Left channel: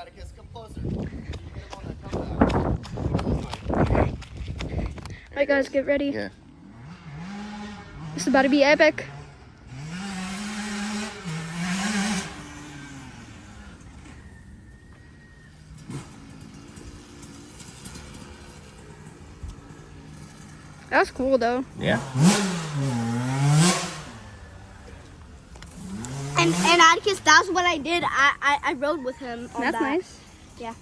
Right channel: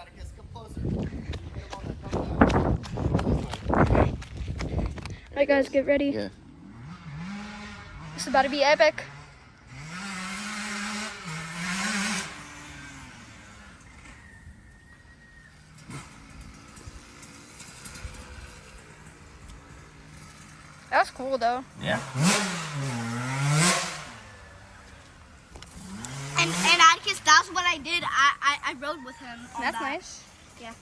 Atticus. Come closer. Come on, now. Alright guys, get ready. Yeah. This is about to be epic. That's cool though. Yeah. And Atticus, that's what I did. I rode with him. On That's that. nice. Yeah.